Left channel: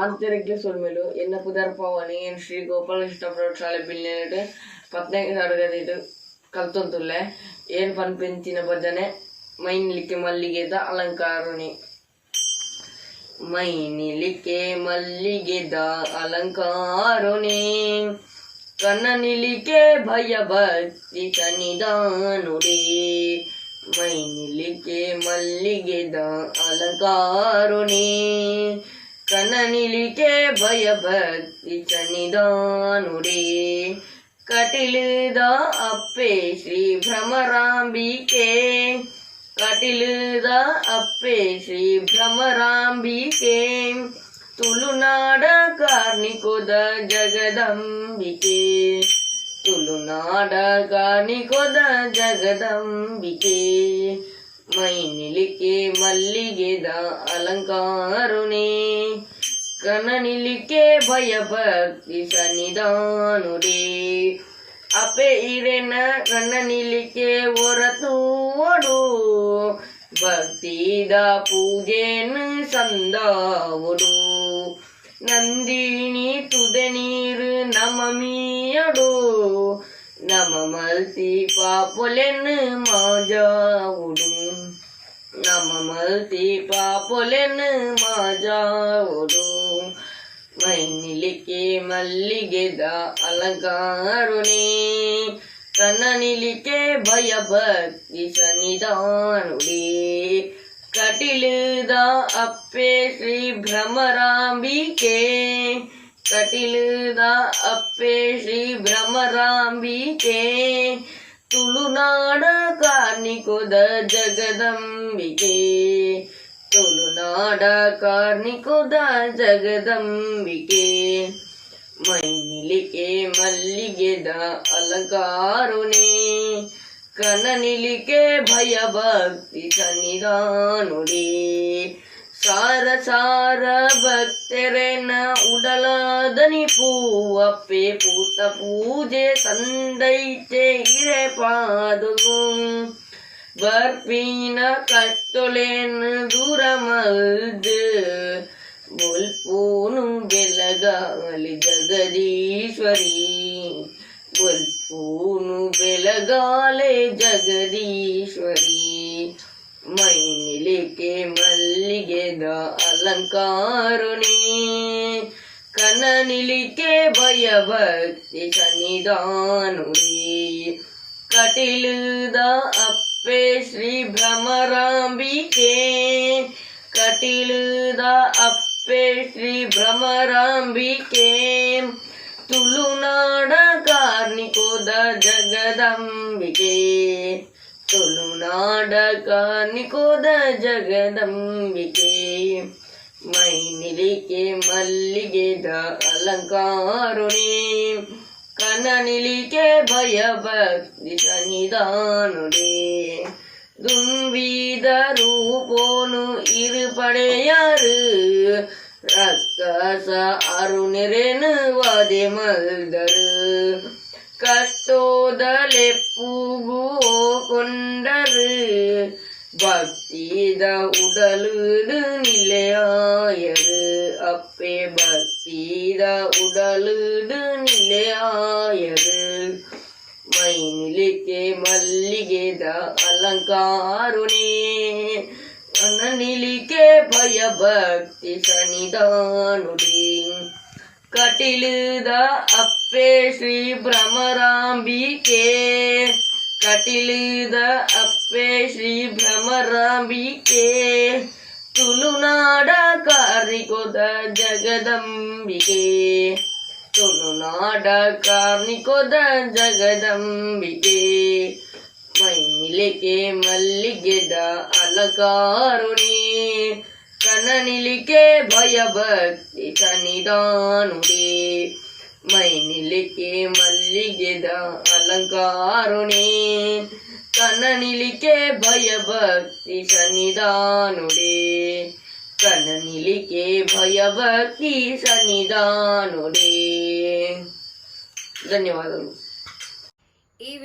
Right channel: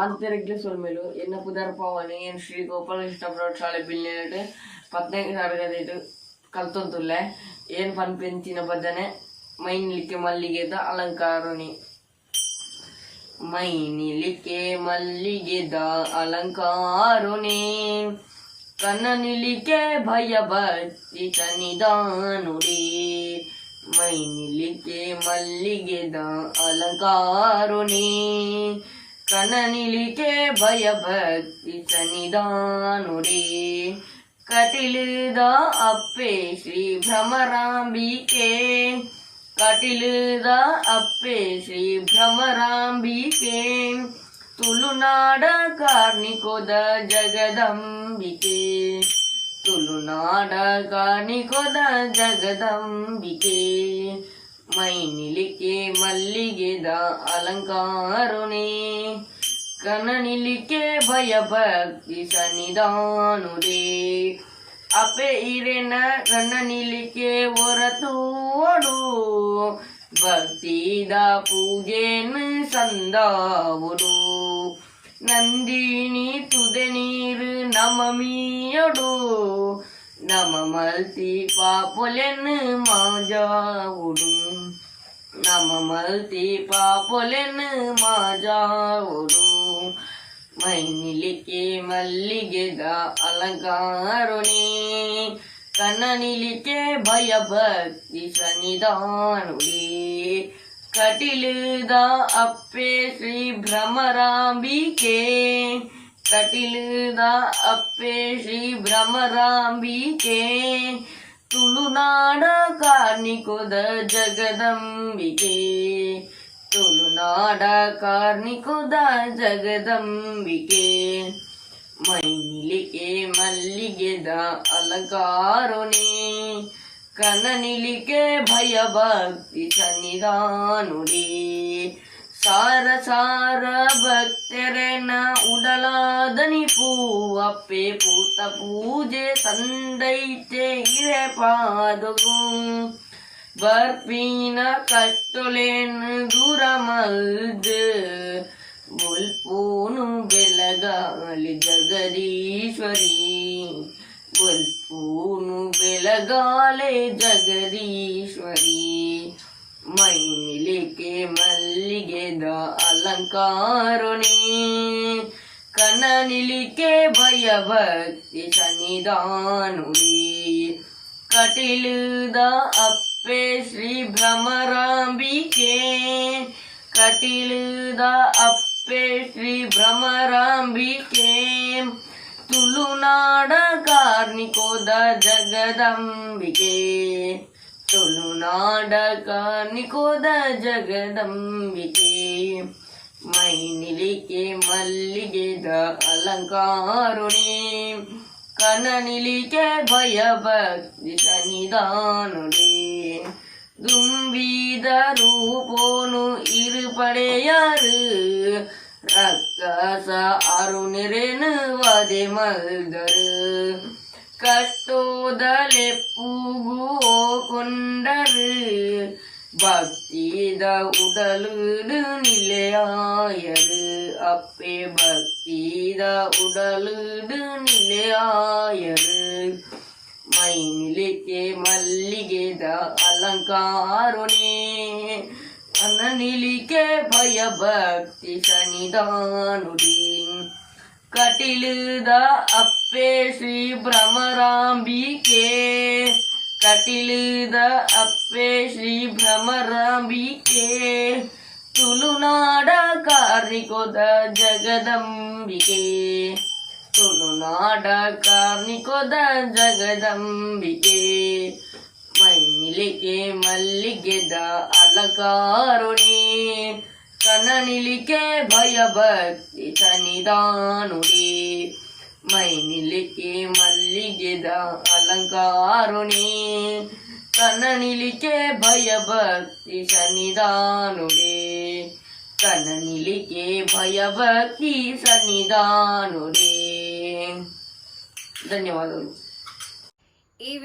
ಮಾಧ್ಯರಿಗೆ ಸೊಲ್ಮೆಲು ಎನ್ನ ಪುದರ್ಪವನಿ ಏನು ಶ್ರೀ ಗೋಪಾಲಕೃಷ್ಣ ಪ್ರೌಢಶಾಲೆ ಪತ್ನೆ ಪದ್ನೈದು ತರಗತಿ ಕಲ್ತೊಂದುಲ್ಲೆ ಏನು ಪನ್ಪೆಂತಿನ ಬದನೆ ನಿಲಿಕ್ಕೆ ಮಲ್ಲಿಗೆದ ಅಲಂಕಾರಣಿ ಮೈನಿಲಿಕ್ಕೆ ಮಲ್ಲಿಗೆದ ಅಲಂಕಾರಣಿ ಕನ್ನನಿಲಿಕೆ ತನಿಧಾನುಡಿ ಮೈ ಮೈನಿಲಿಕೆ ಮಲ್ಲಿಗೆದ ಅಲಂಕಾರಣಿ ಕನನಿಲಿಕೆ ಭಯಭಕ್ತಿ ಚನಿದಾನುಡೇ ಕಟಿಲಿದ ಅಪ್ಪೆ ಶ್ರೀ ಭ್ರಮರಾಂಬಿಕೆ ಕಟಿಲಿದ ಅಪ್ಪೆ ಶ್ರೀ ಭ್ರಮರಾಂಬಿಕೆ ತುಳುನಾಡ ಕಾರ್ನಿಕೋದ ಜಗದಂಬಿಕೆ ತುಳುನಾಡ ಕಾರ್ನಿಕೋದ ಜಗದಂಬಿಕೆ ಮೈನಿಲಿಕೆ ಮಲ್ಲಿಗೆದ ಅಲಂಕಾರುನೇ ಕನನಿಲಿಕೆ ಭಯಭಕ್ತಿ ಸನ್ನಿಧಾನುರೇ ಅಪೆ ಇರೆನ ಕನನಿಲಿಕೆ ಹೊರತೋಡು ಭಕ್ತಿದ ಪೂಜೆನು ಸಂದಾವುಡು நந்தினி துதநீர் நமமியடோ நம மல்தி பாப்புலன்னு மாஜாவுடும் આમ મળતી પાપોલેન માજાઓડું ಮೈನಿಲಿಕೆ ಮಲ್ಲಿಗೆದ ಅಲಂಕಾರುಣಿ ಕಣ್ಣನಿಲಿಕೆ ಭಯ ಭಕ್ತಿ ಸನ್ನಿಧಾನುಡಿ ಕಟಿಲದ ಅಪ್ಪೆ ಶ್ರೀ ಭ್ರಮರಾಂಬಿಕೆ ಕಟಿಲದ ಅಪ್ಪೆ ಶ್ರೀ ಭ್ರಮರಾಂಬಿಕೆ ತುಳುನಾಡ ಕಾರ್ನಿಕುದ ಜಗದಂಬಿಕೆ ತುಳುನಾಡ ಕಾರ್ನಿಕುದ ಜಗದಂಬಿಕೆ ಮೈನಿಲಿಕೆ ಮಲ್ಲಿಗೆದ ಅಲಂಕಾರುನೆ ಕನನಿಲಿಕೆ ಭಯಭಕ್ತಿ ಸನ್ನಿಧಾನುಡೇ சார சார ಭಕ್ತರೆನ உடலாதனி பூவப்பே பூத்த பூஜை சந்தை இர பாதகும் வர்பீன கத்தொலேன்னு தூரமல்து முல் பூனும் விலகாலி ஜகதீஸ்வரி முல் பூனும் விலகாலே ஜகதீஸ்வரி ವೇದ ಅಲಂಕಾರುಣಿ ಕನನಿಲಿಕೆ ಭಯಭಕ್ತಿ ಸನ್ನಿಧಾನುಡಿ ಕಟಿಲುದ ಅಪ್ಪೆ ಶ್ರೀ ಭ್ರಮರಾಂಬಿಕೆ ಕಟಿಲುದ ಅಪ್ಪೆ ಶ್ರೀ ಭ್ರಮರಾಂಬಿಕೆ ತುಳುನಾಡ ಕಾರ್ನಿಕೋದ ಜಗದಂಬಿಕೆ ತುಳುನಾಡಕ ನಿಕುದ ಜಗದಂಬಿಕೆ ಮೈನಿಲಿಕೆ ಮಲ್ಲಿಗೆದ ಅಲಂಕಾರುಣಿ ಕನನಿಲಿಕೆ ಭಯ ಭಕ್ತಿ ಸನ್ನಿಧಾನುಡಿ தும்பீத ரூபோனு இருபடையாறு ரக்கச அருணிரேனு வாதி மல்தரு ಕಷ್ಟೋದಲೆಪ್ಪುಗುವೋ ಕೊಂಡರು பக்தித உடலுடு நிலையாயரு அப்பே பக்தித உடலுடு நிலையாயரு மைனிலிக்கே மல்லிகேத அலங்காருனே அண்ணனிலிக்கே பயபக்தி சனிதானுடே ಕಟಿಲಿದ ಅಪ್ಪೆ ಶ್ರೀ ಭ್ರಮರಾಂಬಿಕೆ ಕಟಿಲಿದ ಅಪ್ಪೆ ಶ್ರೀ ಭ್ರಮರಾಂಬಿಕೆ ತುಳುನಾಡ ಕಾರ್ನಿಕೋದ ಜಗದಂಬಿಕೆ ತುಳುನಾಡ ಕಾರ್ನಿಕೋದ ಜಗದಂಬಿಕೆ ಮೈನಿಲಿಗೆ ಮಲ್ಲಿಗೆದ ಅಲಕಾರುಣಿ ಕನನಿಲಿಕೆ ಭಯಭಕ್ತಿ ಸನ್ನಿಧಾನುಡೇ ಮೈನಿಲಿಕೆ ಮಲ್ಲಿಗೆದ ಅಲಂಕಾರುಣಿ ಕನನಿಲಿಕೆ ಭಯಭಕ್ತಿ ಸನ್ನಿಧಾನುಡೇ ಕನನಿಲಿಕೆ ಭಯಭಕ್ತಿ ಸನ್ನಿಧಾನುಡೇ ಧನ್ಯವಾದಗಳು